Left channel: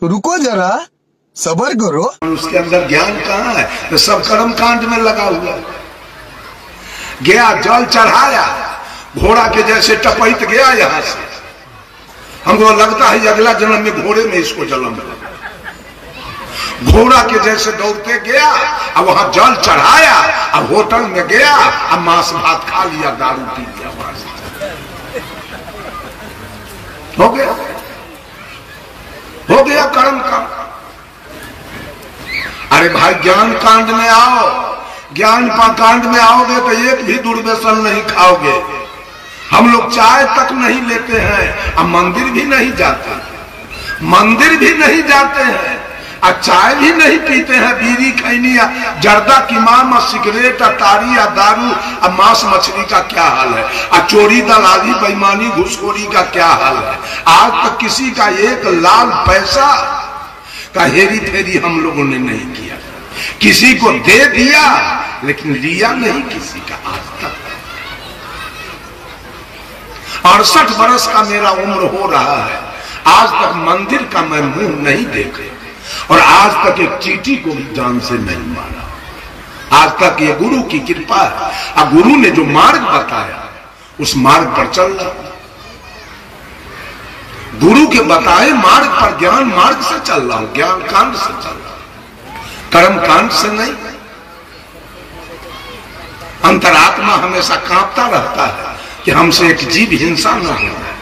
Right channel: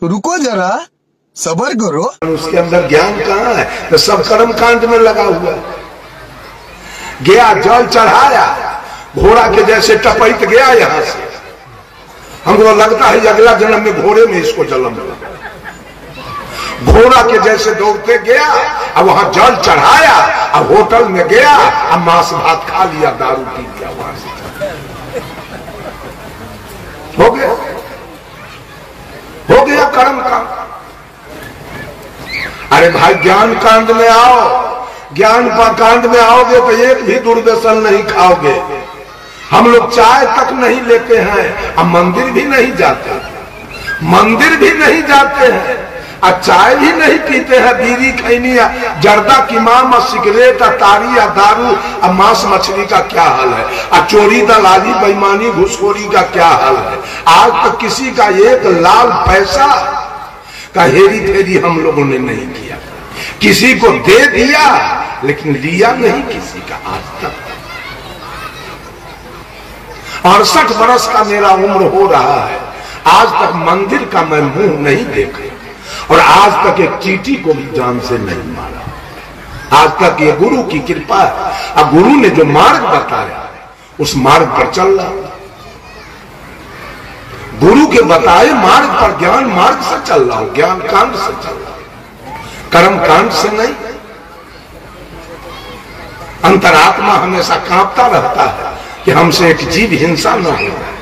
तो रुको जरा, सब्र करो। उसके अंदर ज्ञान कहाँ है? तो सब कर्म कांड में लगा हुआ है। गया जल चढ़ाया, घोड़ा के जैसे टपैत गया यहां से। हमको लगता है अगला जन्म में घोड़े में इसको जन्म मिला। घोड़ा के जैसे दौड़ते गया, अब वहां जल चढ़ाया, अब होटल में गया, अब मांस भात खा लिया, दारू पी लिया, वहां से हो गया कर्म कांड। अरे भाई ज्ञान कांड में आओ, ज्ञान कांड में आओगे तो एक भी दुर्व्यसन नहीं खाओगे। हम लोग चाय तक नहीं लेते हैं, अब मंदिर भी नहीं जाते, मंदिर भी नहीं जाते हैं, और चाय भी नहीं पीते हैं। बीड़ी खैनी या जर्दा किमाम और सिगरेट और तारी या दारू और मांस मछली का क्या हाल है, और चोरी दलाली बेईमानी घुसखोरी का क्या हाल है। आज तक किसी का एक लाल पैसा का हेरी फेरी हम लोगों ने नहीं किया। किसी को दे दिया लेकिन लिया नहीं किसी का आज तक। 68 बरस का मेरा उम्र हो रहा है, आज तक मंदिर का मैं मुंह नहीं देखा, और आज तक एक चींटी को भी जान से नहीं मारा। आज तक ये गुरु की कृपा है। अब गुरु ने जो मार्ग बताया उस मार्ग पर चल रहा, गुरु के बताए मार्ग पर, ज्ञान मार्ग से चल रहा हूं, ज्ञान कांड से चल रहा हूं, कर्म कांड से नहीं। अंतरात्मा हमेशा कांपता रहता है कि हमसे एक जीव हिंसा न हो जाए,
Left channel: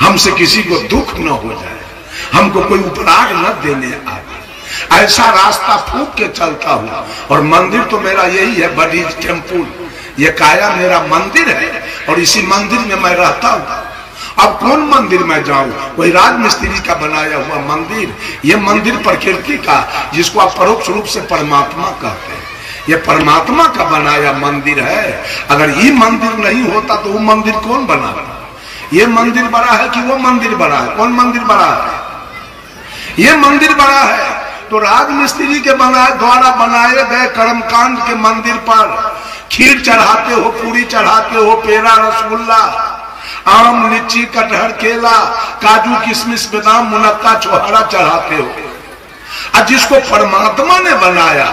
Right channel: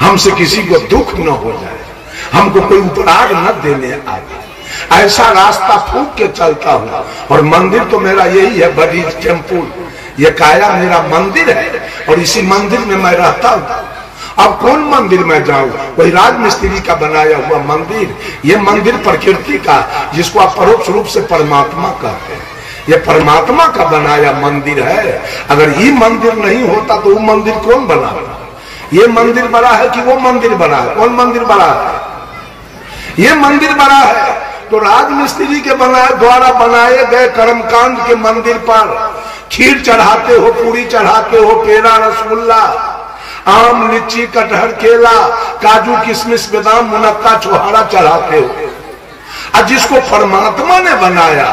हमसे किसी को दुख न हो जाए, हमको कोई उपराग न देने आए। ऐसा रास्ता फूक के चलता हूं। और मंदिर तो मेरा यही है, बडीज टेम्पुल। ये काया मेरा मंदिर है और इसी मंदिर में मैं रहता हूं। अब कौन मंदिर में जाऊं? कोई राजमिस्त्री का बनाया हुआ मंदिर? ये मंदिर प्रकृति का, जिसको आप परोक्ष रूप से परमात्मा कहते हैं, ये परमात्मा का बनाया मंदिर है। अगर ये मंदिर नहीं होता तो वो मंदिर कौन बना? ये मंदिर बड़ा है कि वो मंदिर बड़ा है? कौन मंदिर बड़ा है? ये मंदिर बड़ा है तो राजमिस्त्री के द्वारा बनाए गए कर्मकांड के मंदिर पर खीर चढ़ाते हो, पूरी चढ़ाते हो, पेड़ा रसगुल्ला, आम लीची कटहर केला काजू किशमिश बादाम मुनक्का छोहारा चढ़ाते हो। और जिसको परमात्मा ने बनाया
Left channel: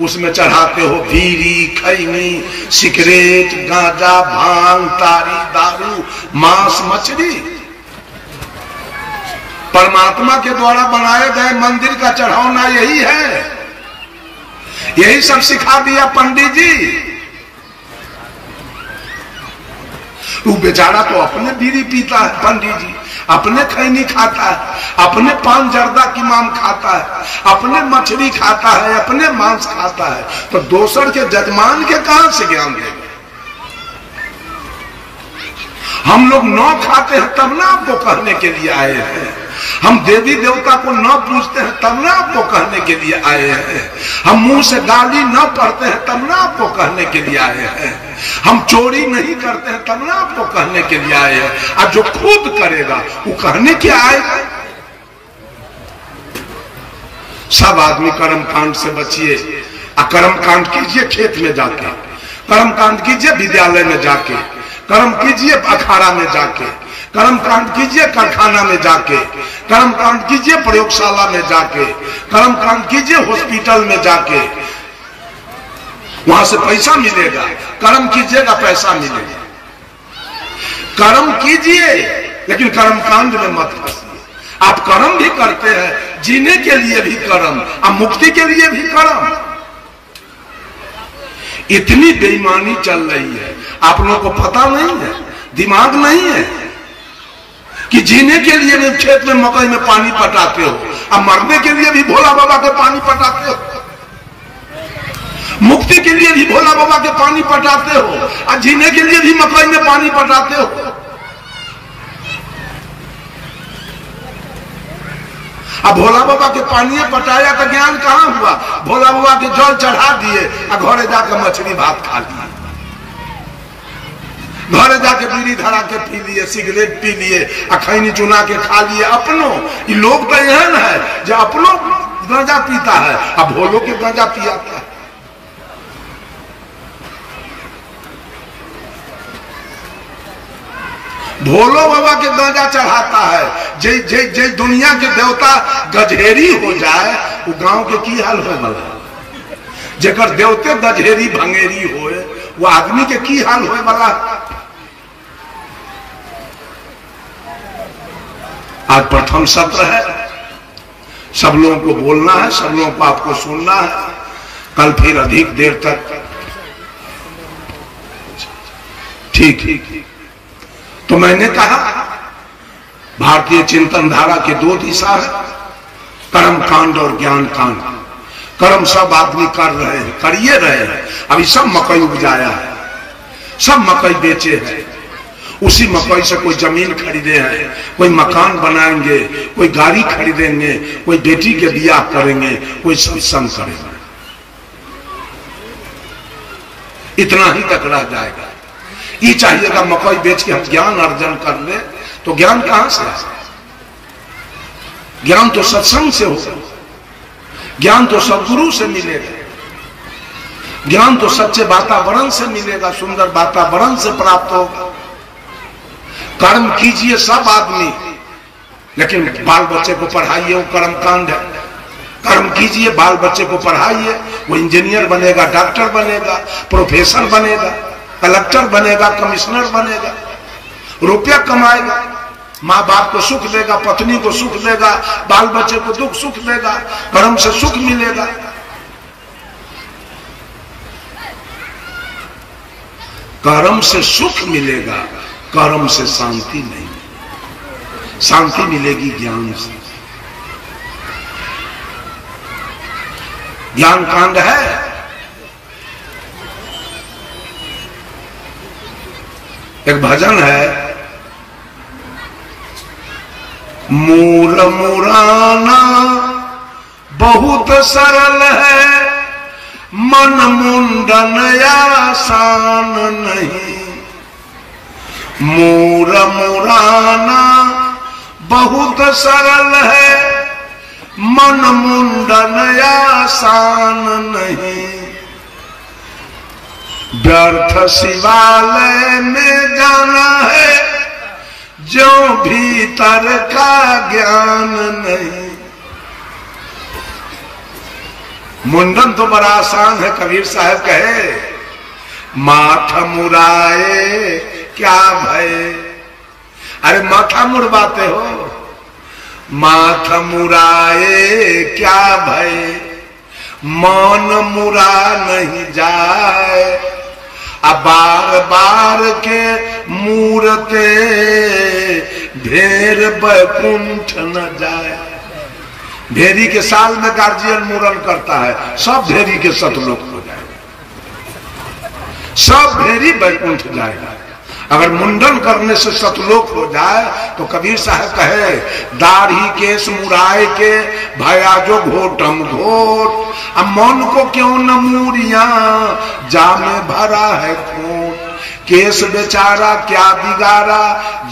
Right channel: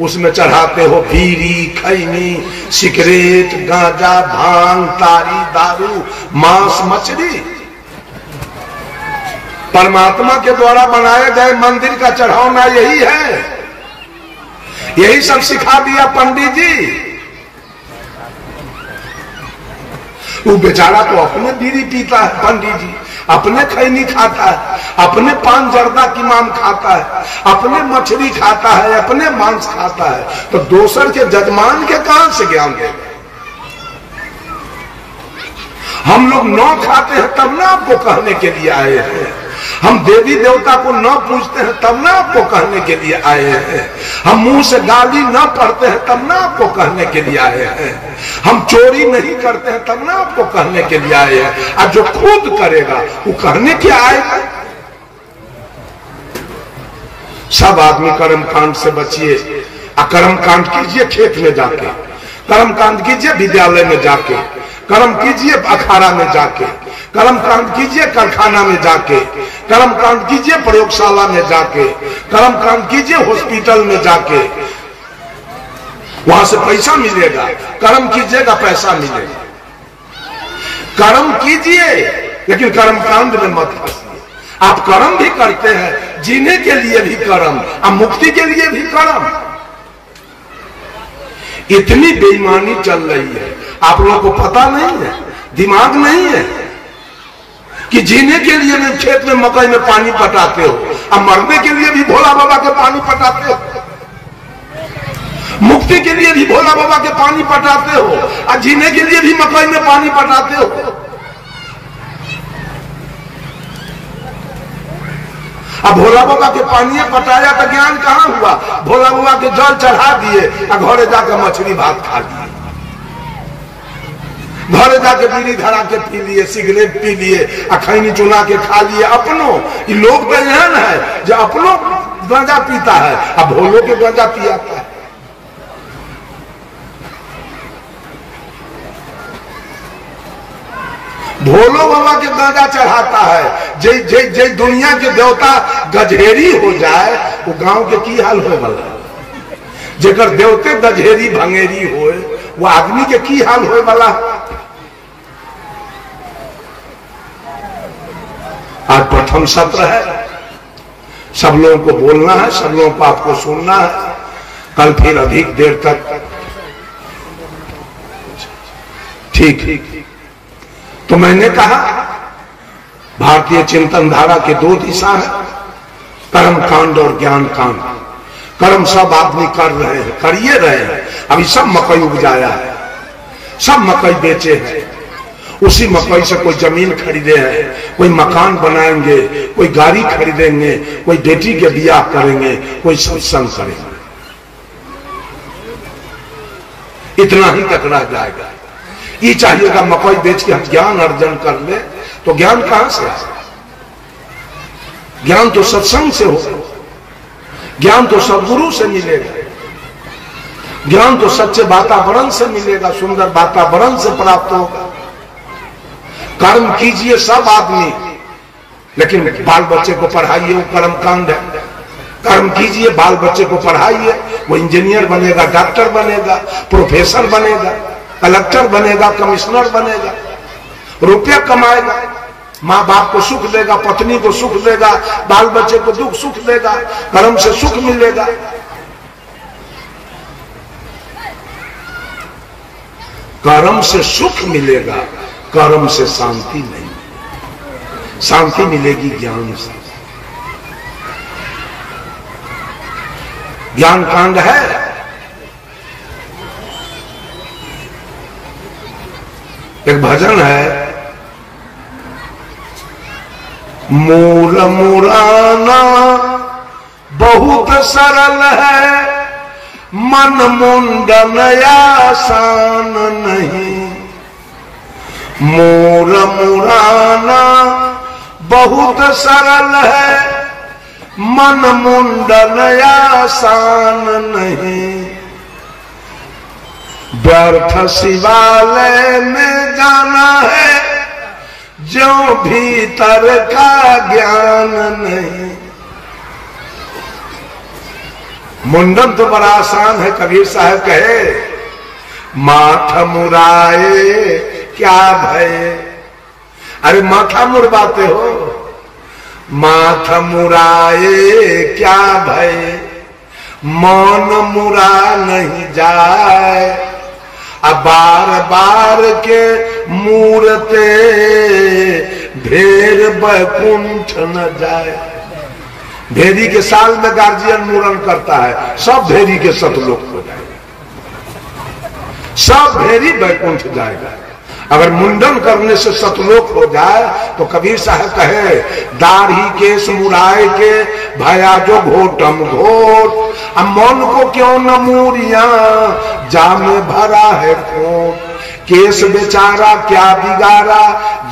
उसमें चढ़ाते हो बीड़ी खैनी सिगरेट गांजा भांग तारी दारू मांस मछली। परमात्मा के द्वारा बनाए गए मंदिर का चढ़ाना यही है, यही सब सिखा दिया पंडित जी। वो बेचारा तो अपने बीड़ी पीता है, पंडित जी अपने खैनी खाता है, अपने पान जर्दा की माम खाता है, अपने मछली खाता है, अपने मांस खाता है, तो दोसर के जजमान के कहां से ज्ञान देगा? हम लोग न खाते हैं तब ना आपको कहने के लिए आए हैं। हम देवी देवता को न पूजते हैं तब ना आपको कहने के लिए आए हैं। हम मुंह से गाली न पढ़ते हैं तब ना आपको कहने के लिए आए हैं। हम चोरी नहीं करते हैं तब ना आपको कहने के लिए आए हैं। अब जो खुद करेगा वो कहने क्या आएगा? सब आदमी कर्म कांड से बचिए, कर्म कांड कीजिए खेत में जाके, कर्म कांड कीजिए विद्यालय में जाके, कर्म कीजिए अखाड़ा में जाके, कर्म कांड कीजिए कारखाना में जाके, कर्म कांड कीजिए प्रयोगशाला में जाके, कर्म कांड कीजिए हॉस्पिटल में जाके, वहां से पैसा मिलेगा। कर्म कीजिएगा पैसा मिलेगा। कर्म कीजिए लेकिन कर्म कांड में मत फंसिए। आप कर्म भी करते हैं, जीने के लिए भी कर्म और मुक्ति के लिए भी कर्म। इतनी बेईमानी चल रही है, आप लोगों को पता नहीं है, दिमाग नहीं है कि जीने के लिए भी खेत में मकई में पानी पटाते हो, अब मरने के लिए भी भोला बाबा के पानी पटाते हो, मुक्ति के लिए भी भोला बाबा के पानी पटाते हो, और जीने के लिए भी मकई में पानी पटाते हो। अब भोला बाबा के पानी पटाया तो ज्ञान कहां हुआ? भोला बाबा के जल चढ़ा दिए और घरे जाकर मछली भात खा लिए, घरे जाके बीड़ी धरा के पी लिए, सिगरेट पी लिए, खैनी चुना के खा लिए। अपनों ये लोग तो एहन है जो अपनों गांजा पीता है, अब भोलों के गांजा पियाता है। भोलो बाबा के गांजा चढ़ाता है। जे जे जे दुनिया के देवता गजहेरी हो जाए वो गांव के की हाल हो वाला। जेकर देवते गजहेरी भंगेरी होए वो आदमी के की हाल होए वाला। आज प्रथम सत्र है, सब लोगों को बोलना है, सब लोगों को आपको सुनना है। कल फिर अधिक देर तक ठीक। तो मैंने कहा भारतीय चिंतन धारा के दो दिशा है, कर्म कांड और ज्ञान कांड। कर्म सब आदमी कर रहे हैं, करिए रहे हैं। अभी सब मकई उपजाया है, सब मकई बेचे हैं, उसी मकई से कोई जमीन खरीदे हैं, कोई मकान बनाएंगे, कोई गाड़ी खरीदेंगे, कोई बेटी के ब्याह करेंगे, कोई सत्संग करेंगे। इतना ही तक रह जाएगा। ये चाहिएगा मकई बेच के हम ज्ञान अर्जन कर ले, तो ज्ञान कहां से आए? ज्ञान तो सत्संग से होगा, ज्ञान तो सदगुरु से मिलेगा, ज्ञान तो सच्चे वातावरण से मिलेगा, सुंदर वातावरण से प्राप्त होगा। कर्म कीजिए सब आदमी, लेकिन बाल बच्चे को पढ़ाइए, वो कर्म कांड है। कर्म कीजिए, बाल बच्चे को पढ़ाइए, वो इंजीनियर बनेगा, डॉक्टर बनेगा, प्रोफेसर बनेगा, कलेक्टर बनेगा, कमिश्नर बनेगा, रुपया कमाएगा, माँ बाप को सुख देगा, पत्नी को सुख देगा, बाल बच्चे को दुख सुख देगा, कर्म से सुख मिलेगा। कर्म से सुख मिलेगा, कर्म से शांति नहीं। शांति मिलेगी ज्ञान से। ज्ञान कांड है। एक भजन है, मूल मुराना बहुत सरल है, मन मुंडन आसान नहीं। मूल मुराना बहुत सरल है, मन मुंडन आसान नहीं। व्यर्थ शिवालय में जाना है, जो भीतर का ज्ञान नहीं। मुंडन तो बड़ा आसान है। कबीर साहब कहे, माथ मुराए क्या भय। अरे माथा मुड़वाते हो, माथा मुराए क्या भय, मन मुरा नहीं जाए। अब बार बार के मूरते ढेर बैकुंठ न जाए। भेरी के साल में गार्जियन मूरन करता है, सब भेरी के सतलोक हो जाएगा, सब भेरी बैकुंठ जाएगा। अगर मुंडन करने से सतलोक हो जाए तो कबीर साहब कहे, दाढ़ी केस मुराए के भया जो घोटम घोट। अब मन को क्यों न मूरिया, जामे भरा है खोट। केस बेचारा क्या बिगाड़ा,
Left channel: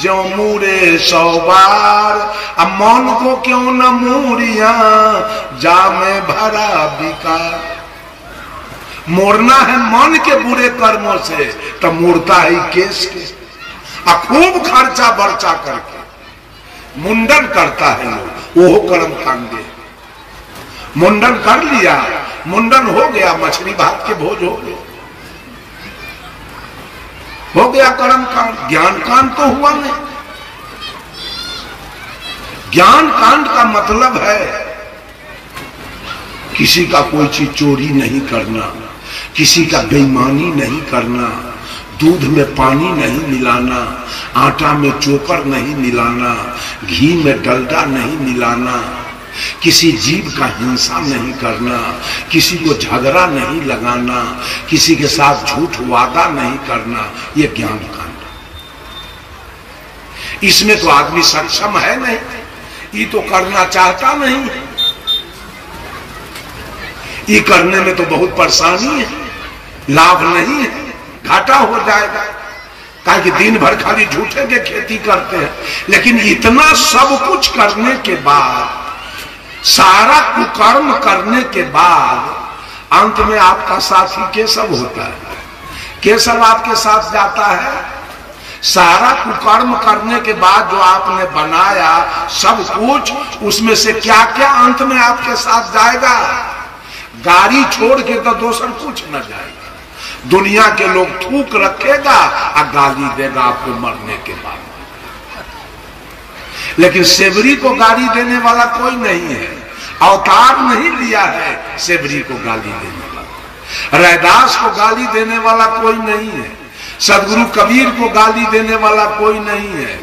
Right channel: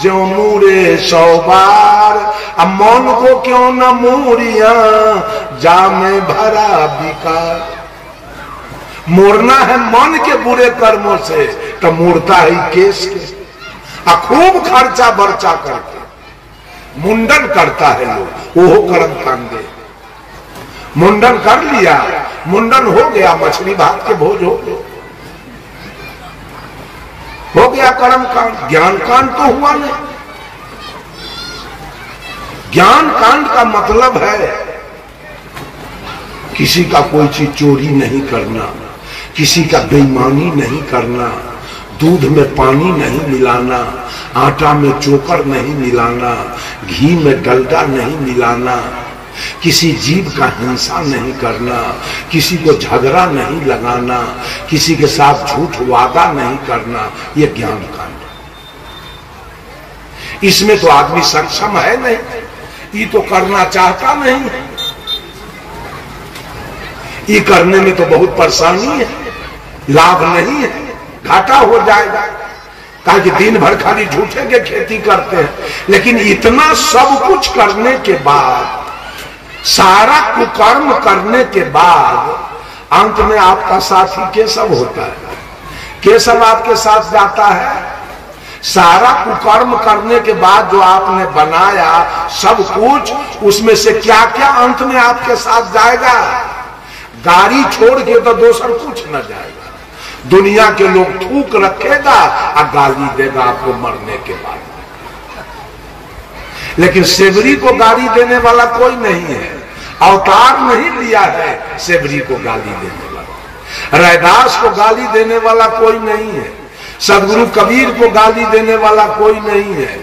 जो मूरे 100 बार। अब मन को क्यों न मूरिया, जामे भरा बिकार। मोड़ना है मन के बुरे कर्मों से, तो मूर्ता ही केस के। अब खूब खर्चा बर्चा करके मुंडन करता है लोग, वो कर्म कांडे। मुंडन कर लिया, मुंडन हो गया, मछली भात के भोज हो गया कर्म कांड। ज्ञान कांड तो हुआ नहीं। ज्ञान कांड का मतलब है किसी का कोई चीज चोरी नहीं करना, किसी का बेईमानी नहीं करना, दूध में पानी नहीं मिलाना, आटा में चोकर नहीं मिलाना, घी में डलडा नहीं मिलाना, किसी जीव का हिंसा नहीं करना, किसी को झगड़ा नहीं लगाना, किसी के साथ झूठ वादा नहीं करना। ये ज्ञान कांड। इसमें तो आदमी सक्षम है नहीं, ये तो करना चाहता नहीं। ये करने में तो बहुत परेशानी है, लाभ नहीं है, घाटा हो जाएगा। कहा कि दिन भर खाली झूठे के खेती करते हैं, लेकिन इतना सब कुछ करने के बाद, सारा कुकर्म करने के बाद अंत में आपका साथी केशव होता है। केशव आपके साथ जाता है, सारा कुकर्म करने के बाद जो आपने बनाया सब कुछ, उसमें से क्या क्या अंत में आपके साथ जाएगा? गाड़ी छोड़ के तो दूसर कुछ न जाएगा। दुनिया के लोग थूक रखेगा और गाली देगा आपको मरने के बाद। लेकिन सेवरी को गाली देने वाला कोई नहीं है, अवतार नहीं लिया है सेवरी को गाली देने वाला। रैदास को गाली देने वाला कोई नहीं है, सदगुरु कबीर को गाली देने वाला कोई नहीं है,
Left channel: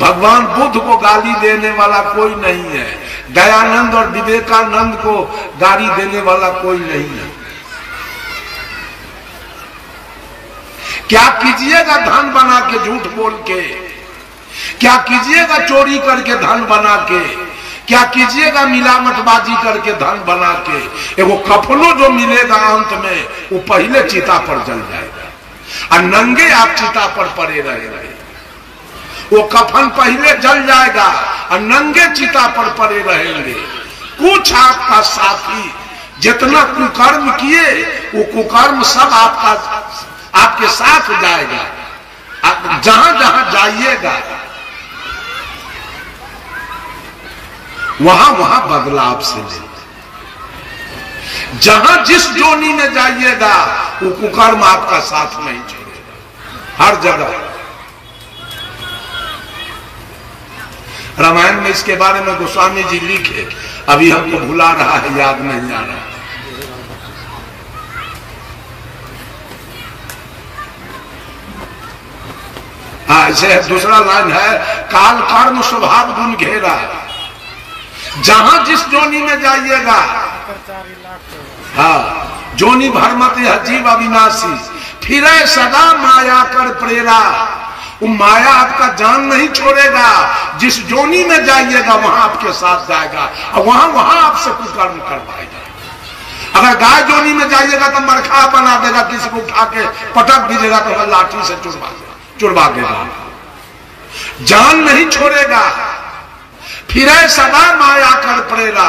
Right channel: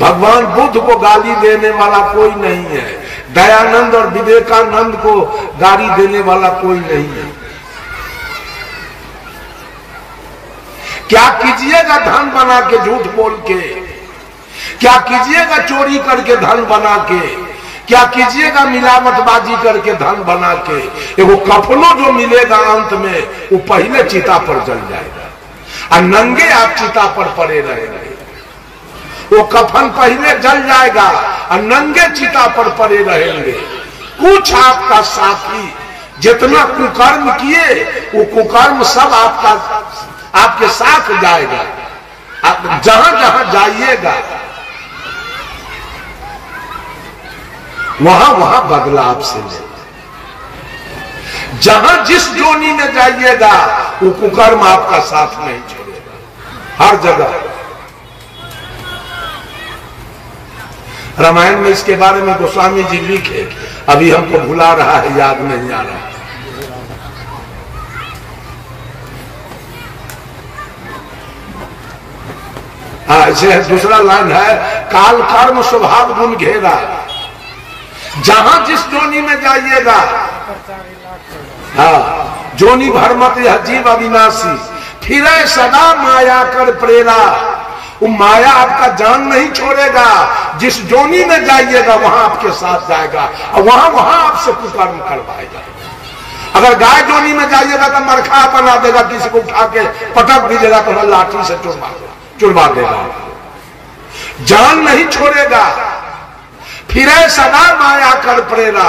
भगवान बुद्ध को गाली देने वाला कोई नहीं है, दयानंद और विवेकानंद को गाली देने वाला कोई नहीं है। क्या कीजिएगा धन बना के झूठ बोल के? क्या कीजिएगा चोरी करके धन बना के? क्या कीजिएगा मिलावटबाजी करके धन बना के? एगो कफनो जो मिलेगा अंत में, वो पहले चिता पर जल जाएगा और नंगे आप चिता पर पड़े रहेंगे। वो कफन पहले जल जाएगा और नंगे चिता पर पड़े रहेंगे। कुछ आपका साथी जितना कुकर्म किए, वो कुकर्म सब आपके साथ जाएगा। आप जहां जहां जाइएगा वहां वहां बदला आपसे लेगा। जहां जिस जोनी में जाइएगा वो कुकर्म आपका साथ नहीं छोड़ेगा, हर जगह। रामायण में इसके बारे में गोस्वामी जी लिखे, अभी हमको भुला रहा है, याद नहीं आ रहा। ऐसे दूसरा लाइन है, काल कर्म स्वभाव गुण घेरा। जहां जिस जोनी में जाइएगा, हाँ, जोनी भरमत यह जीव अविनाशी, फिरे सदा माया कर प्रेरा। वो माया आपका जान नहीं छोड़ेगा। जिस जोनी में जाइएगा वहां आपके साथ जाएगा और वहां वहां आपसे कुकर्म करवाएगा। अगर गाय जोनी में जाइएगा तो मरखा बना देगा, किसी को उठा के पटक दीजिएगा तो वह लाठी से चुड़वा देगा, जान नहीं छोड़ेगा। फिरे सदा माया कर प्रेरा,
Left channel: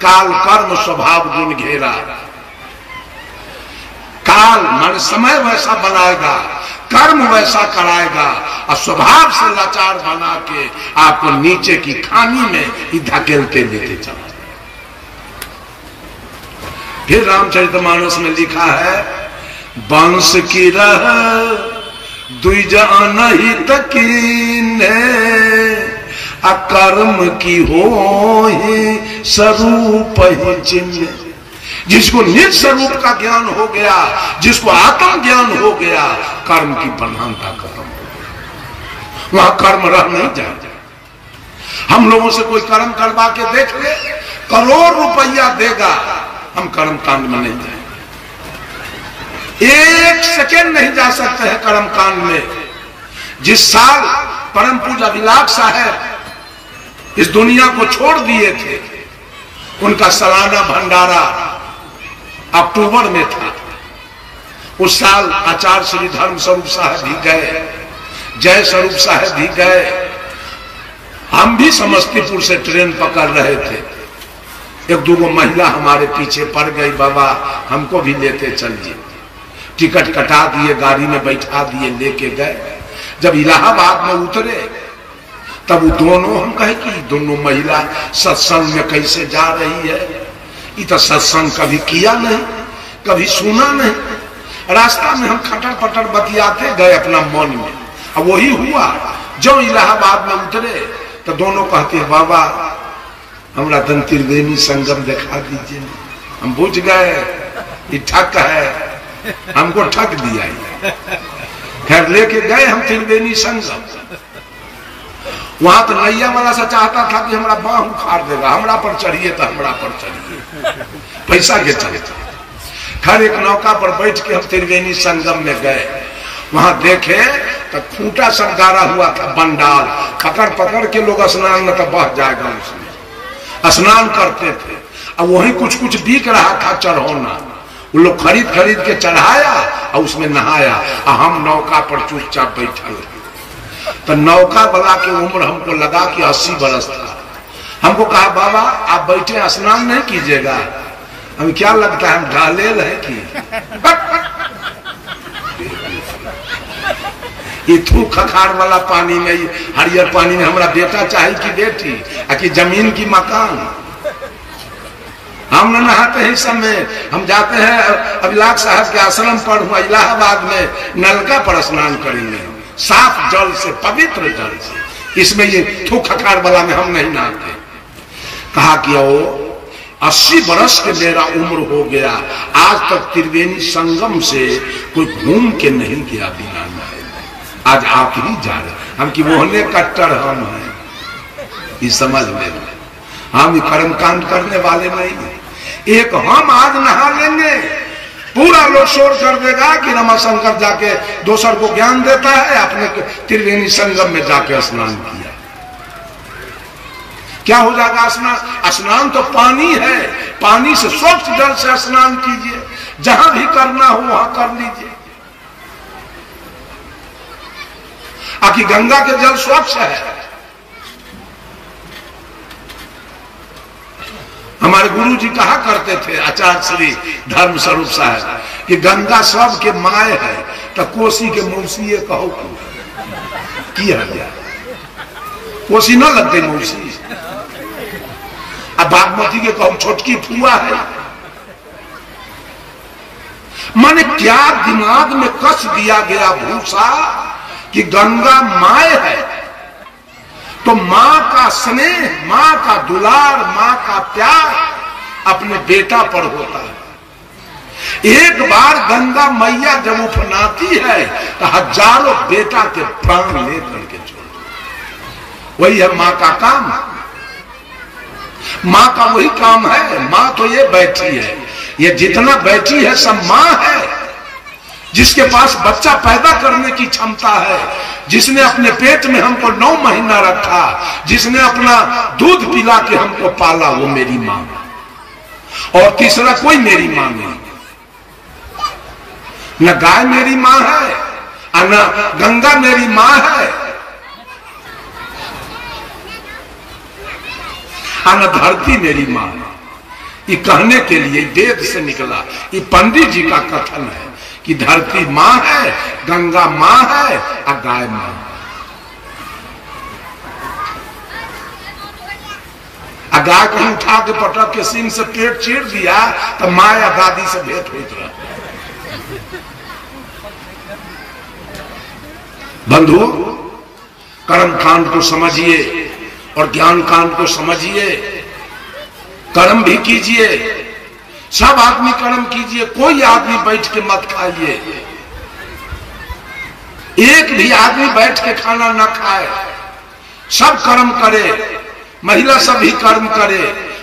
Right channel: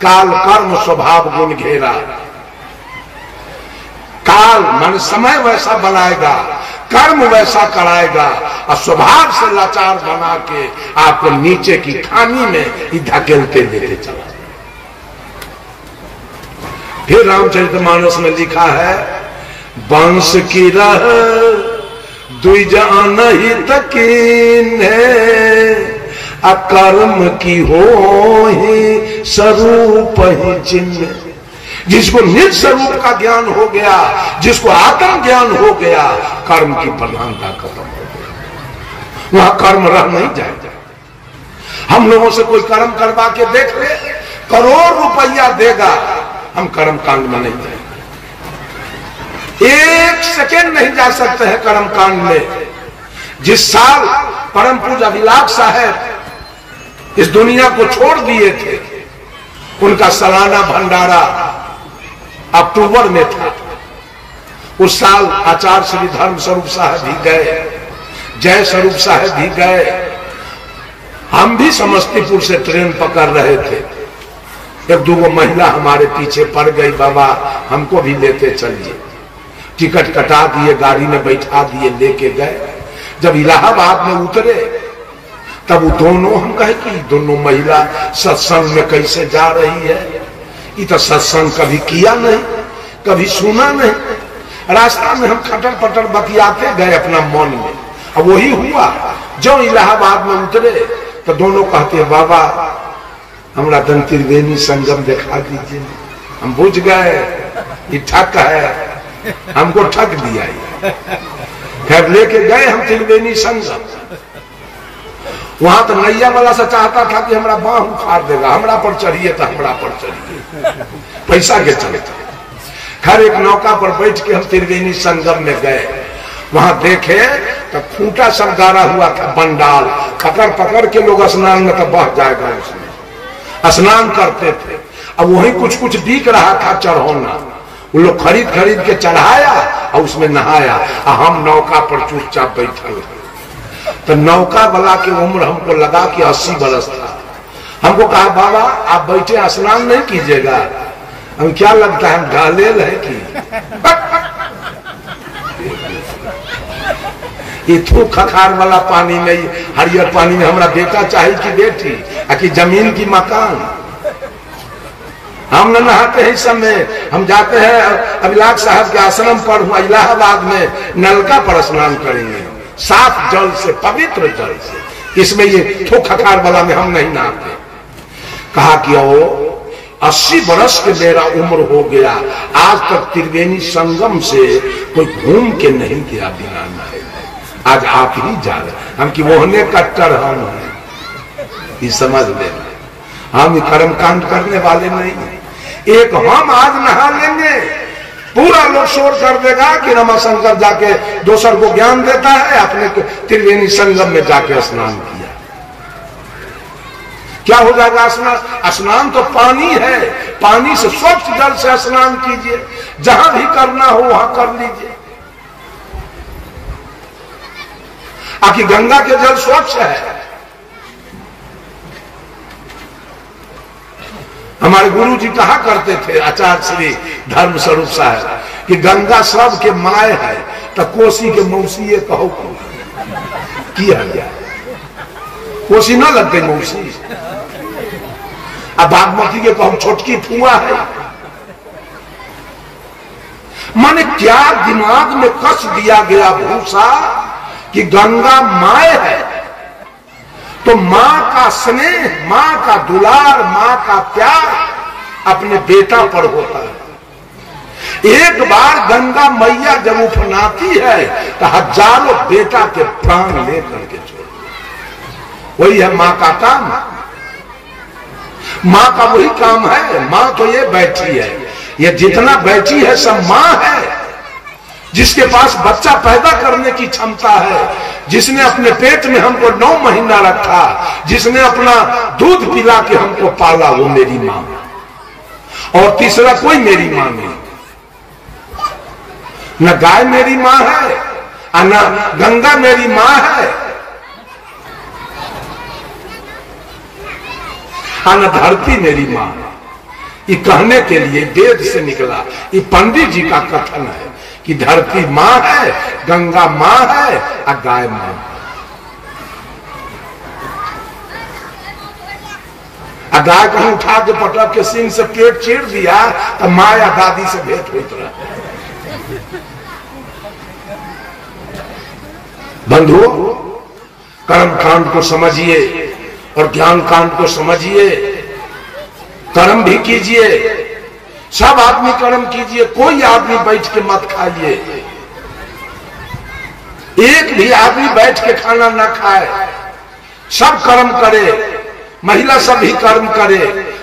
काल कर्म स्वभाव गुण घेरा। काल मन समय वैसा बनाएगा, कर्म वैसा कराएगा और स्वभाव से लाचार बना के आपको नीचे की खानी में ही धकेलते लेते चला। फिर रामचरितमानस में लिखा है, बंश की रह द्विज ही तकीन अकर्म की हो स्वरूप ही चिन्ह। जिसको निज स्वरूप का ज्ञान हो गया, जिसको आत्म ज्ञान हो गया, कर्म की प्रधानता खत्म हो गई, वहां कर्म रह नहीं जाएगा। हम लोगों से कोई कर्म करवा के देख ले, करोड़ रुपया देगा, हम कर्म कांड में नहीं जाएंगे। एक सेकेंड नहीं जा सकते हैं कर्म कांड में। जिस साल परम पूज्य अभिलाष साहब इस दुनिया को छोड़ दिए थे, उनका सालाना भंडारा अक्टूबर में था। उस साल आचार्य श्री धर्म स्वरूप साहब भी गए, जय स्वरूप साहब भी गए। हम भी समस्तीपुर से ट्रेन पकड़ रहे थे, एक दो महिला हमारे पीछे पड़ गई, बाबा हमको भी लेते चलिए। टिकट कटा दिए, गाड़ी में बैठा दिए, लेके गए। जब इलाहाबाद में उतरे तब वो दोनों, हम कहे कि दोनों महिला सत्संग में कैसे जा रही है, ये तो सत्संग कभी किया नहीं, कभी सुना नहीं। रास्ता में हम खटर पटर बतियाते गए अपना मन में। अब वही हुआ, जब इलाहाबाद में उतरे तो दोनों कहते, बाबा हमरा तन त्रिवेणी संगम दिखा दीजिए। हम बुझ गए ये ठग है, हमको ठग दिया। खैर लेके गए हम त्रिवेणी संगम। वहां तो नैया वाला से चाहता था कि हमारा बाह उखाड़ देगा, हमरा पर चढ़िए तो हमरा पर चढ़िए, पैसा के चले। खैर एक नौका पर बैठ के हम त्रिवेणी संगम में गए। वहां देखे तो खूंटा सब गाड़ा हुआ था, बंडाल पकड़ पकड़ के लोग स्नान में तो बह जाएगा, उसमें स्नान करते थे। अब वहीं कुछ कुछ बिक रहा था चढ़ौना, वो लोग खरीद खरीद के चढ़ाया और उसमें नहाया। और हम नौका पर चुपचाप बैठे। तो नौका वाला की उम्र हमको लगा कि 80 बरस था। हमको कहा, बाबा आप बैठे स्नान नहीं कीजिएगा? हमें क्या लगता है हम गालेल है कि ये थू खखार वाला पानी में, हरियर पानी में हमारा बेटा चाहे कि बेटी, कि जमीन की मकान। हम न नहाते हैं इस समय, हम जाते हैं अभिलाष साहब के आश्रम पर हुआ इलाहाबाद में, नलका पर स्नान करेंगे साफ जल से, पवित्र जल से। इसमें ये थू खखार वाला में हम नहीं नहाते। कहा कि ओ 80 बरस के मेरा उम्र हो गया, आज तक त्रिवेणी संगम से कोई घूम के नहीं गया बिना नहाए। आज आप ही जा रहे। हम की मोहने कट्टर हम हैं, ये समझ लेना। हम कर्मकांड करने वाले नहीं हैं। एक हम आज नहा लेंगे, पूरा लोग शोर कर देगा कि रमाशंकर जाके दोसर को ज्ञान देता है, अपने त्रिवेणी संगम में जाके स्नान किया। क्या हो जाएगा स्नान? स्नान तो पानी है, पानी से स्वच्छ जल से स्नान कीजिए, जहां भी करना हो वहां कर लीजिए। आखिर गंगा के जल स्वच्छ है। हमारे गुरु जी कहा करते थे, आचार्य श्री धर्म स्वरूप साहब, कि गंगा सब के माय है, तो कोसी के मौसी कहो किया गया। कोसी न लग गई मौसी, अब बागमती के कहो छोटकी फुआ है। माने क्या दिमाग में कस दिया गया भूसा कि गंगा माय है, तो मां का स्नेह, मां का दुलार, मां का प्यार अपने बेटा पर होता है। एक बार गंगा मैया जब उफनाती है तो हजारों बेटा के प्राण लेकर के छोड़। वही है मां का काम, मां का वही काम है। मां तो ये बैठी है, ये जितना बैठी है सब मां है, जिसके पास बच्चा पैदा करने की क्षमता है, जिसने अपने पेट में हमको 9 महीना रखा, जिसने अपना दूध पिला के हमको पाला, वो मेरी मां है। और तीसरा कोई मेरी मां नहीं। न गाय मेरी मां है, न गंगा मेरी मां है, न धरती मेरी मां है। ये कहने के लिए वेद से निकला, ये पंडित जी का कथन है कि धरती मां है, गंगा मां है और गाय मां है। गाय कहीं उठा के पटक के सींग से पेट चीर दिया तो माँ या दादी से भेंट होता रहा। बंधुओं, कर्म कांड को समझिए और ज्ञान कांड को समझिए। कर्म भी कीजिए, सब आदमी कर्म कीजिए, कोई आदमी बैठ के मत खाइए। एक भी आदमी बैठ के खाना ना खाए, सब कर्म करे। महिला सब भी कर्म करे,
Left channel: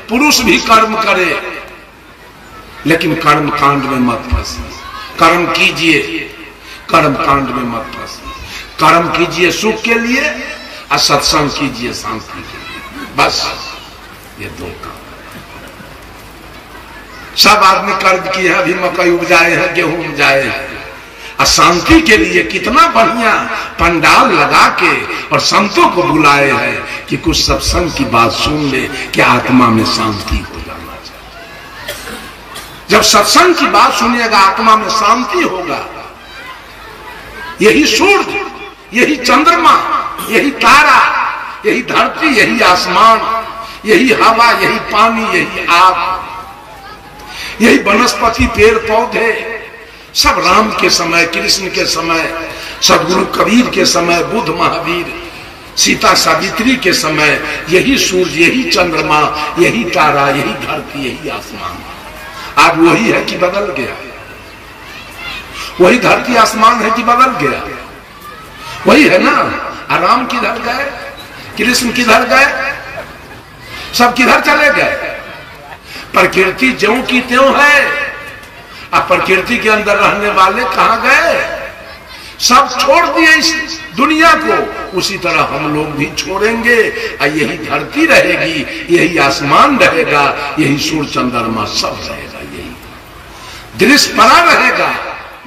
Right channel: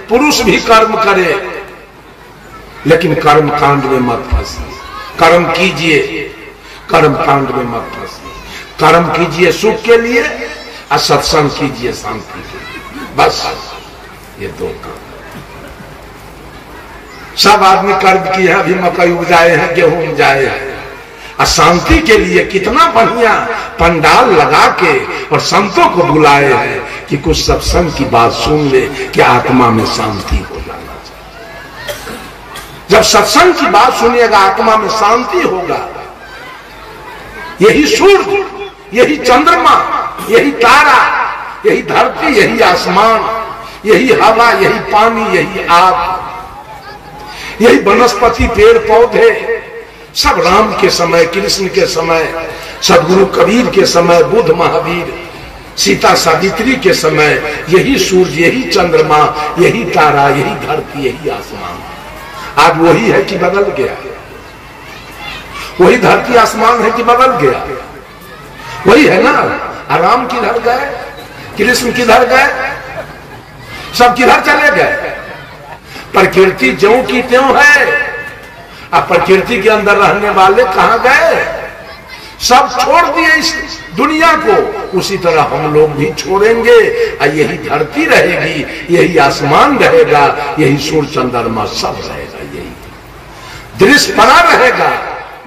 पुरुष भी कर्म करे, लेकिन कर्म कांड में मत फंसिए। कर्म कीजिए, कर्म कांड में मत फंसिए। कर्म कीजिए सुख के लिए और सत्संग कीजिए शांति के लिए, बस ये दो काम। सब आदमी कर्म किए हैं, अभी मकई उपजाए हैं, गेहूं उपजाए हैं, और शांति के लिए कितना बढ़िया पंडाल लगा के और संतों को बुलाए हैं कि कुछ सत्संग की बात सुन ले कि आत्मा में शांति हो जाना चाहिए। जब सत्संग की बात सुनिएगा आत्मा में शांति होगा। यही सूर्य, यही चंद्रमा, यही तारा, यही धरती, यही आसमान, यही हवा, यही पानी, यही आग, यही वनस्पति, पेड़ पौधे, सब राम के समय, कृष्ण के समय, सदगुरु कबीर के समय, बुद्ध महावीर, सीता सावित्री के समय, यही सूर्य, यही चंद्रमा, यही तारा, यही धरती, यही आसमान। आज वही है कि बदल गया? वही धरती आसमान है कि बदल गया? वही है ना। राम किधर गए, कृष्ण किधर गए, सब किधर चले गए? प्रकृति ज्यों की त्यों है, अब प्रकृति के अंदर रहने वाले कहां गए? सब छोड़ दिए इस दुनिया को। उसी तरह हम लोग भी छोड़ेंगे, और यही धरती रहेगी, यही आसमान रहेगा, यही सूर्य चंद्रमा सब रहेगा, यही दृश्य बना रहेगा,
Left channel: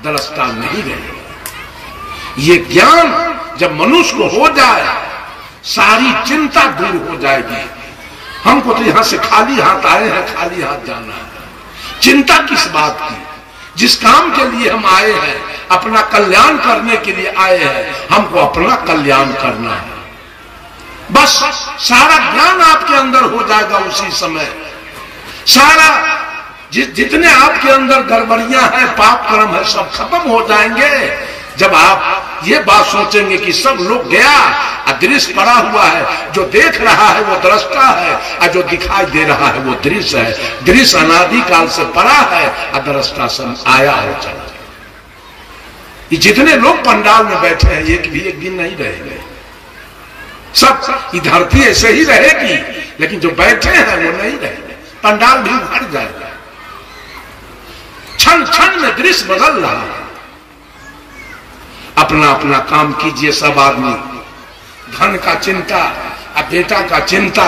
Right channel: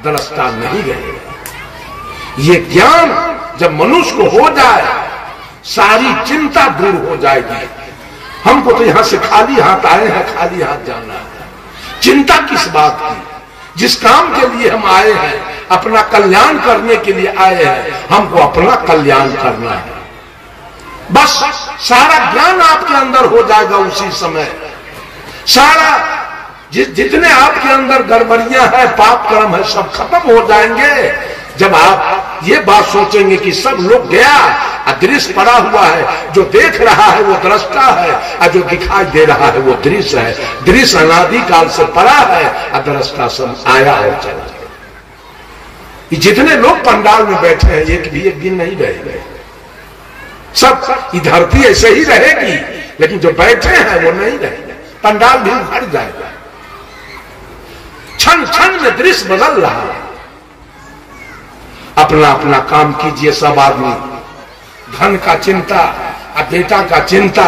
दृष्टा नहीं रहेगा। ये ज्ञान जब मनुष्य को हो जाए, सारी चिंता दूर हो जाएगी। हमको तो यहां से खाली हाथ आए हैं, खाली हाथ जाना है। चिंता किस बात की? जिस काम के लिए हम आए हैं अपना कल्याण करने के लिए आए हैं, हमको अपना कल्याण करना है। बस सारा ज्ञान आपके अंदर हो जाएगा उसी समय। सारा जितने आपके अंदर गड़बड़ियां हैं, पाप कर्म है, सब खत्म हो जाएंगे जब आप ये बात सोचेंगे कि सब लोग गया, अदृश्य पड़ा हुआ है, जो देख रहा है वो दृष्टा है, और जो दिखाई दे रहा है वो दृश्य है। दृश्य अनादि काल से पड़ा है, अदृष्टा सब आया है चला। ये जितने लोग पंडाल में बैठे हैं, एक भी एक दिन नहीं रहेंगे, सब ये धरती ऐसे ही रहेगी, लेकिन जो बैठे हैं वो नहीं रहेंगे, पंडाल भी भर जाएगा। क्षण क्षण में दृश्य बदल रहा है। अपना अपना काम कीजिए सब आदमी। धन का चिंता, आ बेटा का चिंता,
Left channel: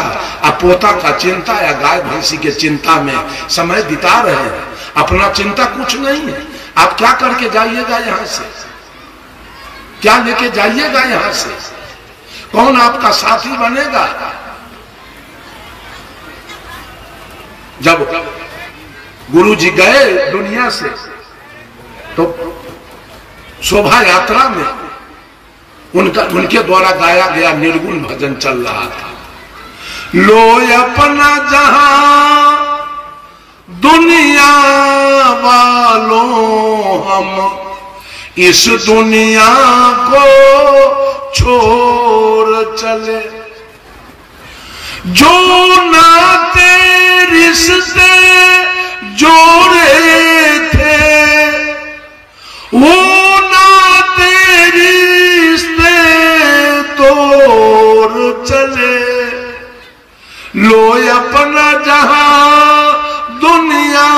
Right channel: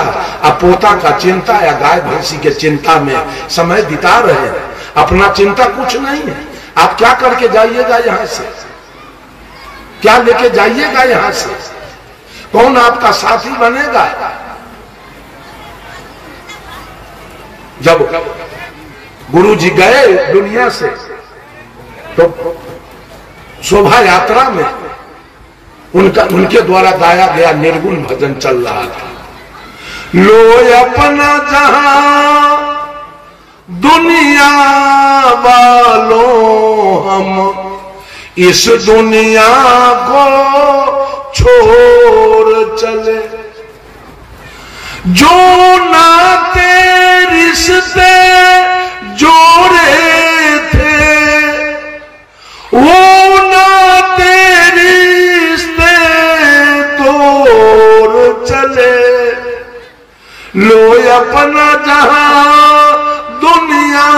आ पोता का चिंता, या गाय भैंसी के चिंता में समय बिता रहे हैं। अपना चिंता कुछ नहीं है। आप क्या करके जाइएगा यहां से, क्या लेके जाइएगा यहां से, कौन आपका साथी बनेगा? जब गुरु जी गए दुनिया से तो शोभा यात्रा में उनके द्वारा गाया गया निर्गुण भजन चल रहा था। लो अपना जहां दुनिया वालों, हम इस दुनिया को छोड़ चले। जो नाते रिश्ते जोड़े थे, वो नाते रिश्ते तोड़ चले। लो अपना जहां दुनिया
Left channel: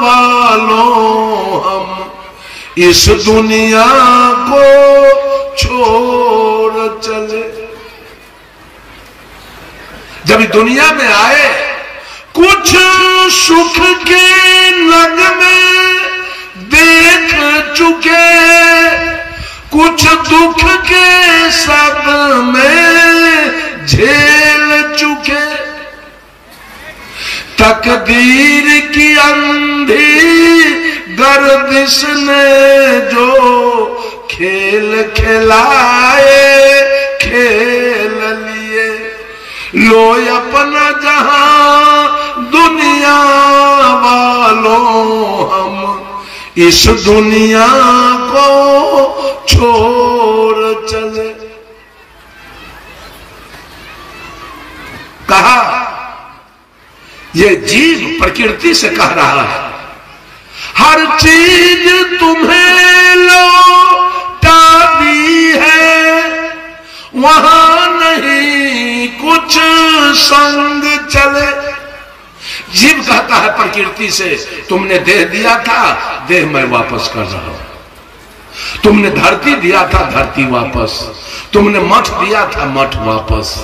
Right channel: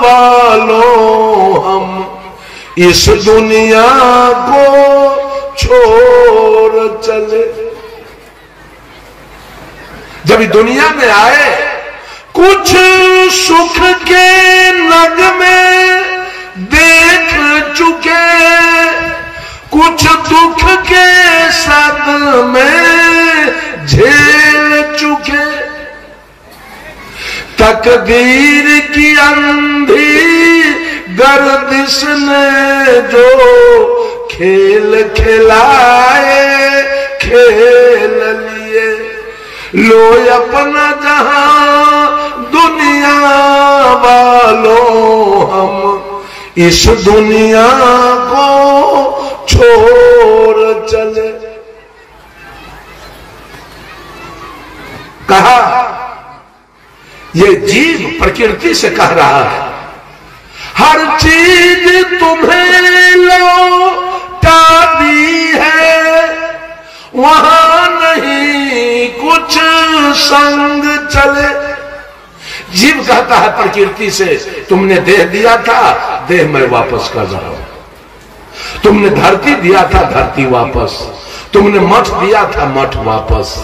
वालों, हम इस दुनिया को छोड़ चले। जब दुनिया में आए, कुछ सुख के नगमे देख चुके, कुछ दुख के सदमे झेल चुके। तकदीर की अंधी गर्दिश ने जो खेल खिलाए, खेल लिए। लो अपना जहां दुनिया वालों, हम इस दुनिया को छोड़ चले। कहा ये जीव प्रकृति से कह रहा है, हर चीज तुम्हें लौटा दी है, वहां नहीं कुछ संग चले। जीव कहता है प्रकृति से, तुमने देह दिया था, देह मैं वापस कर रहा हूं। तुमने धरती दिया था, धरती वापस। तुमने मठ दिया था, मठ वापस।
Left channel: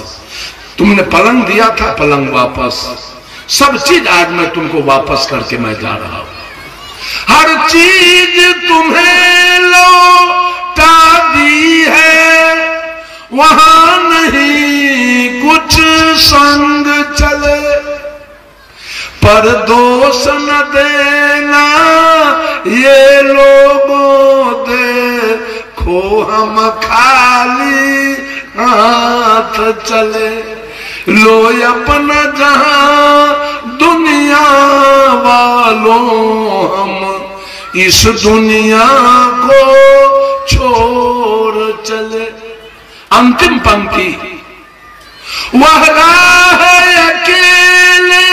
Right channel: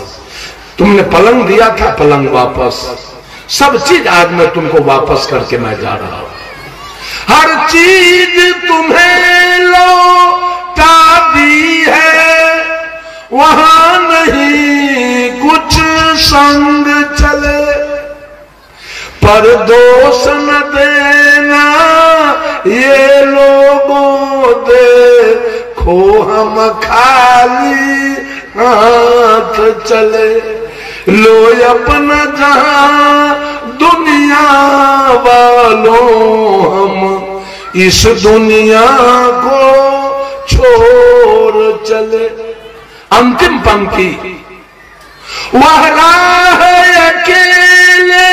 तुमने पलंग दिया था, पलंग वापस। सब चीज आज मैं तुमको वापस करके मैं जा रहा हूं। हर चीज तुम्हें लौटा दी है, वहां नहीं कुछ संग चले। पर दोष न देना ये लोगों, देखो हम खाली हाथ चले। लो अपना जहां दुनिया वालों, हम इस दुनिया को छोड़ चले। अंतिम पंक्ति, वह राह अकेले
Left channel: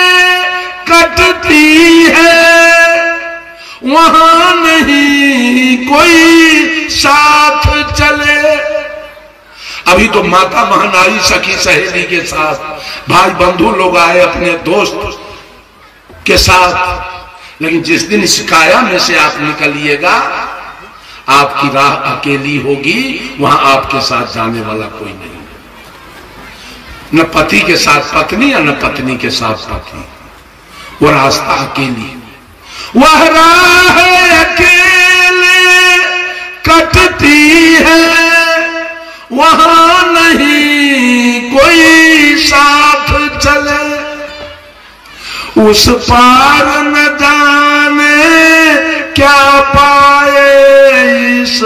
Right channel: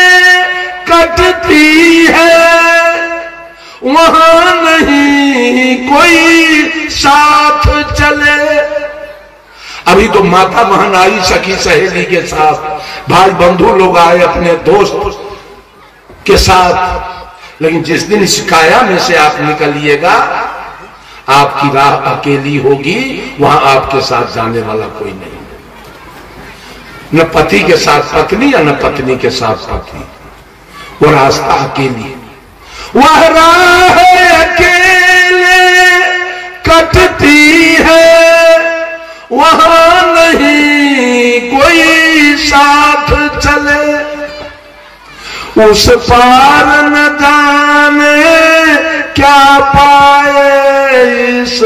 कटती है, वहां नहीं कोई साथ चले। अभी तो माता बहन आई, सखी सहेली के साथ, भाई बंधु लोग आए अपने दोस्त के साथ, लेकिन जिस दिन इस काया में से आप निकलिएगा, आपकी राह अकेली होगी, वहां आपके साथ जाने वाला कोई नहीं। न पति के साथ पत्नी, या न पत्नी के साथ पति, वो रास्ता अकेली। वह राह अकेले कटती है, वहां नहीं कोई साथ चले। उस पार न जाने क्या पाए इस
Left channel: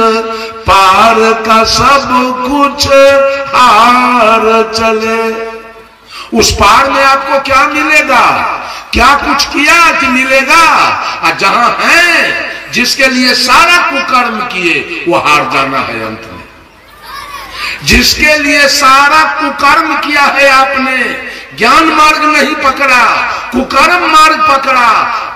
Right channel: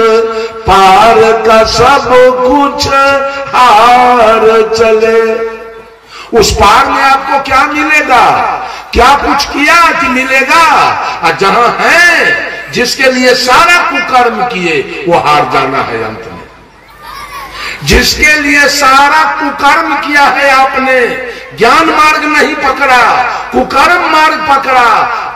पार का सब कुछ हार चले। उस पार में आपको क्या मिलेगा, क्या कुछ किया कि मिलेगा? और जहां है जिसके लिए सारा कुकर्म किए वो हार जाना है अंत में। जिसके लिए सारा कुकर्म किया है आपने, ज्ञान मार्ग नहीं पकड़ा, कुकर्म मार्ग पकड़ा,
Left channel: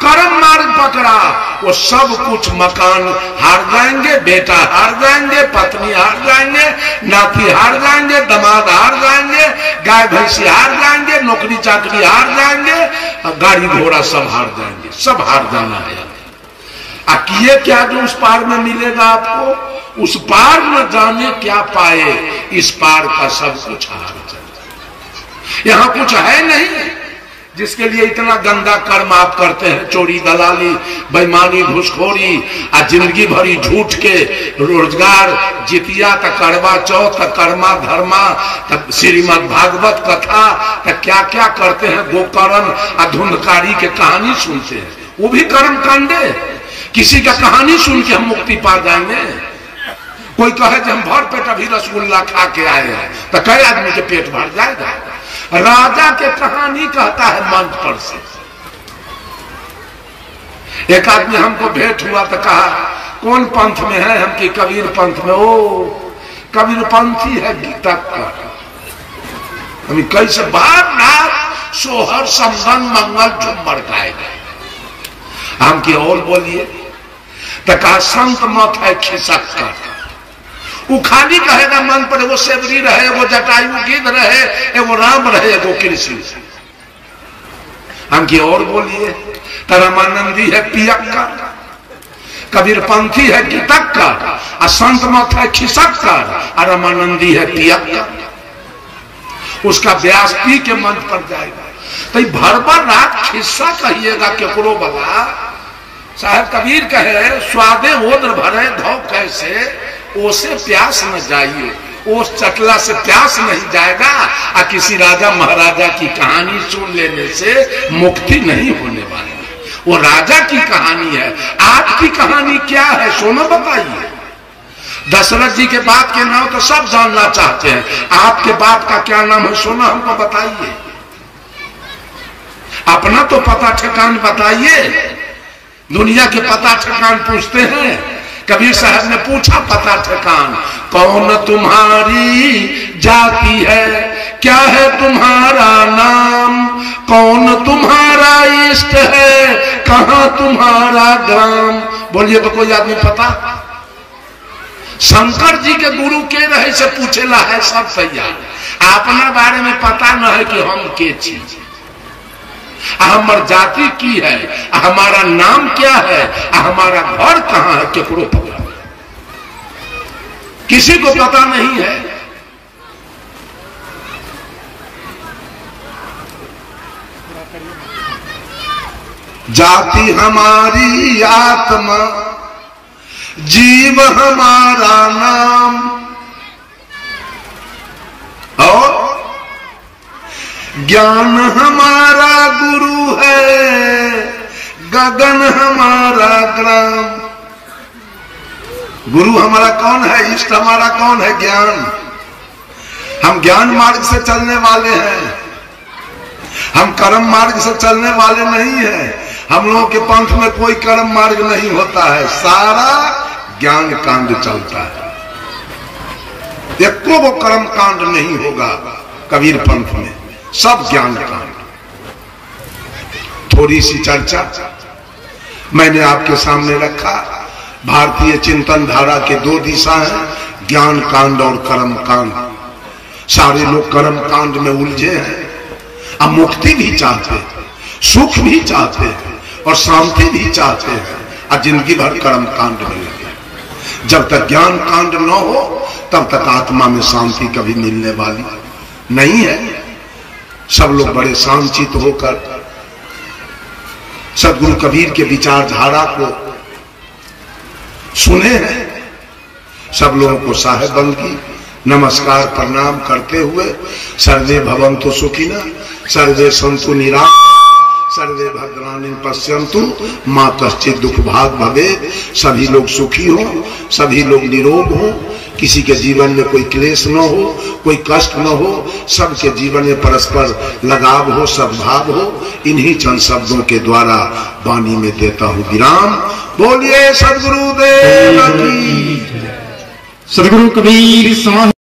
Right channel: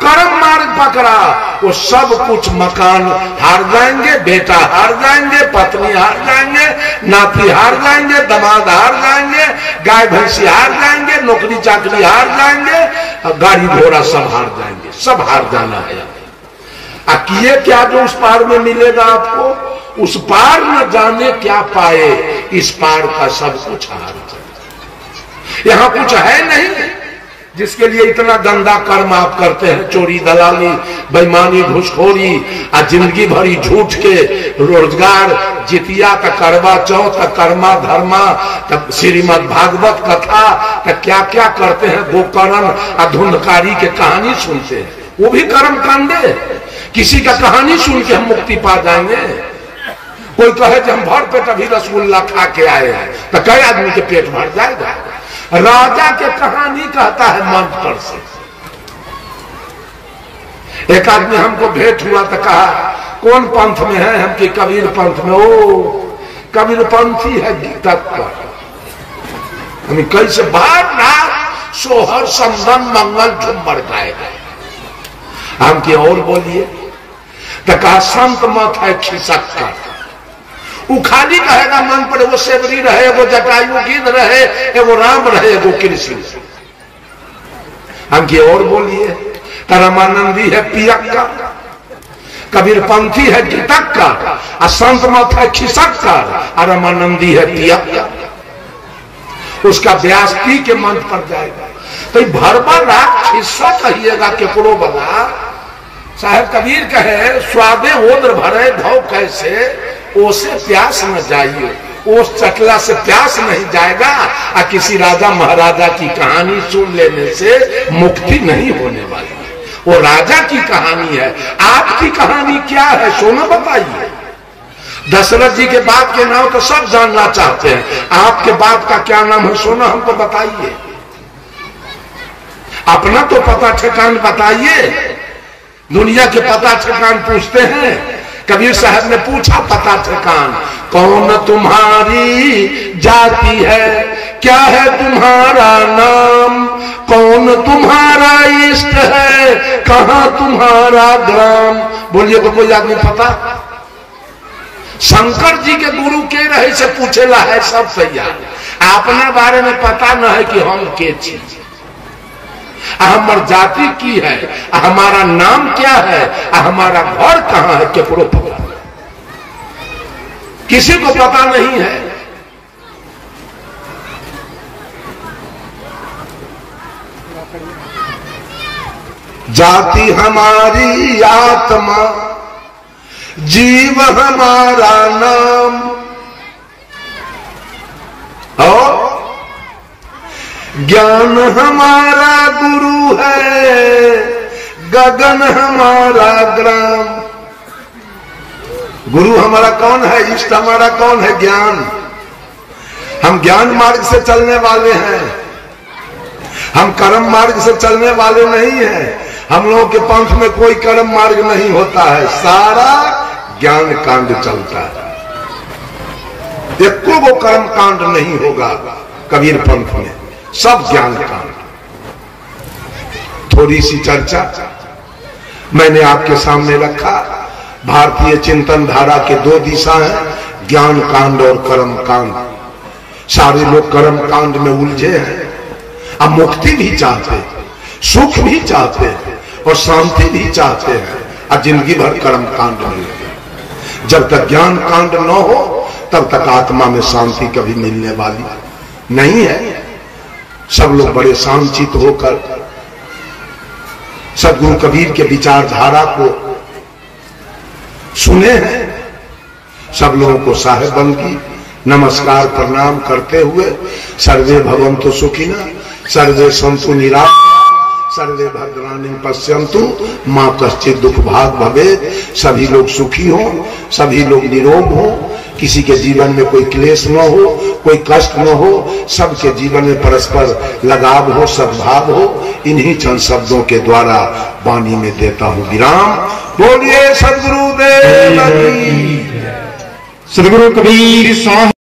कर्म मार्ग पकड़ा, वो सब कुछ मकान हार जाएंगे, बेटा हार जाएंगे, पत्नी हार जाएंगे, नाती हार जाएंगे, दामाद हार जाएंगे, गाय भैंसी हार जाएंगे, नौकरी चाकरी हार जाएंगे, गाड़ी घोड़ा सब हार जाएंगे, सब हार जाना है। किए क्या जो उस पार में मिलेगा आपको? उस पार न जाने क्या पाए, इस पार का सब कुछ हार जाए। यहां कुछ है नहीं जिसके लिए इतना गंदा कर्म आप करते हैं, चोरी दलाली बेईमानी घुसखोरी, जिंदगी भरी झूठ के रोजगार, जितिया तक करवा चौथ तक कर्मा धर्मा तक श्रीमद् भागवत कथा तक क्या क्या करते हैं, गोकर्ण धुंधकारी के कहानी सुनते हैं, वो भी कर्म कांडे। किसी का कहानी सुन के हम मुक्ति पा जाएंगे। कोई कहे कि हम भर पेट अभी रसगुल्ला खा के आए हैं, तो कई आदमी के पेट भर जाएगा। राजा के कहानी कहता है मंच पर से। एक आदमी हमको भेंट हुआ तो कहा कौन पंथ में है? हम की कबीर पंथ में। ओ कबीर पंथी है गीता पर। हम कैसे बार रात सोहर समदन मंगल झुम्मर गाएगा। हम की और बोलिए तो कहा संत मत है खिसक कर। वो खाली कहेगा मन पर, वो सेवरी रहे, वो जटायु गिद्ध रहे, वो राम रहे, वो कृष्ण। हम की और बोलिए तो रामानंदी है पियक्का, कबीर पंथी है गीतक्का, और संत मत है खिसक्कर, और रामानंदी है पियक्का। उसका व्यास पी के मन पर जाएगा। तो भर भर रात खिस्सा कहिएगा केकरो बाबा। साहब कबीर कहे स्वादे ओद्र भरे धो कैसे, ओसे प्यास न जाइए। ओस चटला से प्यास नहीं जाएगा, और किसी राजा महाराजा की कहानी सुन लेने से मुक्ति नहीं होने वाली। वो राजा की कहानी है। आपकी कहानी क्या है सोना बताइए। दशरथ जी के बाप के नाम तो सब जानना चाहते हैं, आपके बाप का क्या नाम है सोना हमको बताइए। अपना तो पता ठिकान बताइए। दुनिया के पता ठिकान पूछते हैं। कबीर साहब ने पूछा पता ठिकान, कौन तुम्हारी जाति है, क्या है तुम्हारा नाम, कौन तुम्हारा इष्ट है, कहां तुम्हारा ग्राम। बोलिए तो कोई आदमी पता? शंकर जी के गुरु के रहे से पूछेला है सब तैयार। अपने बारे में पता न है कि हम के चीज, हमार जाति की है, हमारा नाम क्या है, हमारा घर कहां है, केकरो पता, किसी को पता नहीं है। जाति हमारी आत्मा, जीव हमारा नाम, और ज्ञान हमारा गुरु है, गगन हमारा ग्राम। गुरु हमारा कौन है, इष्ट हमारा कौन है, ज्ञान। हम ज्ञान मार्ग से चलने वाले हैं, हम कर्म मार्ग से चलने वाले नहीं हैं। हम लोगों के पंथ में कोई कर्म मार्ग नहीं होता है, सारा ज्ञान कांड चलता है। एको वो कर्म कांड नहीं होगा कबीर पंथ में, सब ज्ञान कांड। थोड़ी सी चर्चा मैंने आपके सामने रखा। भारतीय चिंतन धारा के दो दिशा है, ज्ञान कांड और कर्म कांड। सारे लोग कर्म कांड में उलझे हैं। अब मुक्ति भी चाहते हैं, सुख भी चाहते हैं, और शांति भी चाहते हैं, और जिंदगी भर कर्म कांड में लगे। जब तक ज्ञान कांड न हो तब तक आत्मा में शांति कभी मिलने वाली नहीं है। सब लोग बड़े शांतिचित होकर सदगुरु कबीर के विचारधारा को सुने हैं। सब लोगों को साहेब बंदी नमस्कार प्रणाम करते हुए सर्वे भवन्तु सुखिनः, सर्वे सन्तु निरामया, सर्वे भद्राणि पश्यन्तु मां कश्चित् दुख भाग भवेत्। सभी लोग सुखी हो, सभी लोग निरोग हो, किसी के जीवन में कोई क्लेश न हो, कोई कष्ट न हो, सबके जीवन में परस्पर लगाव हो, सद्भाव हो। इन्हीं चंद शब्दों के द्वारा वाणी में देता हूं विराम। बोलिए सद्गुरुदेव की। सद्गुरु कबीर साहब।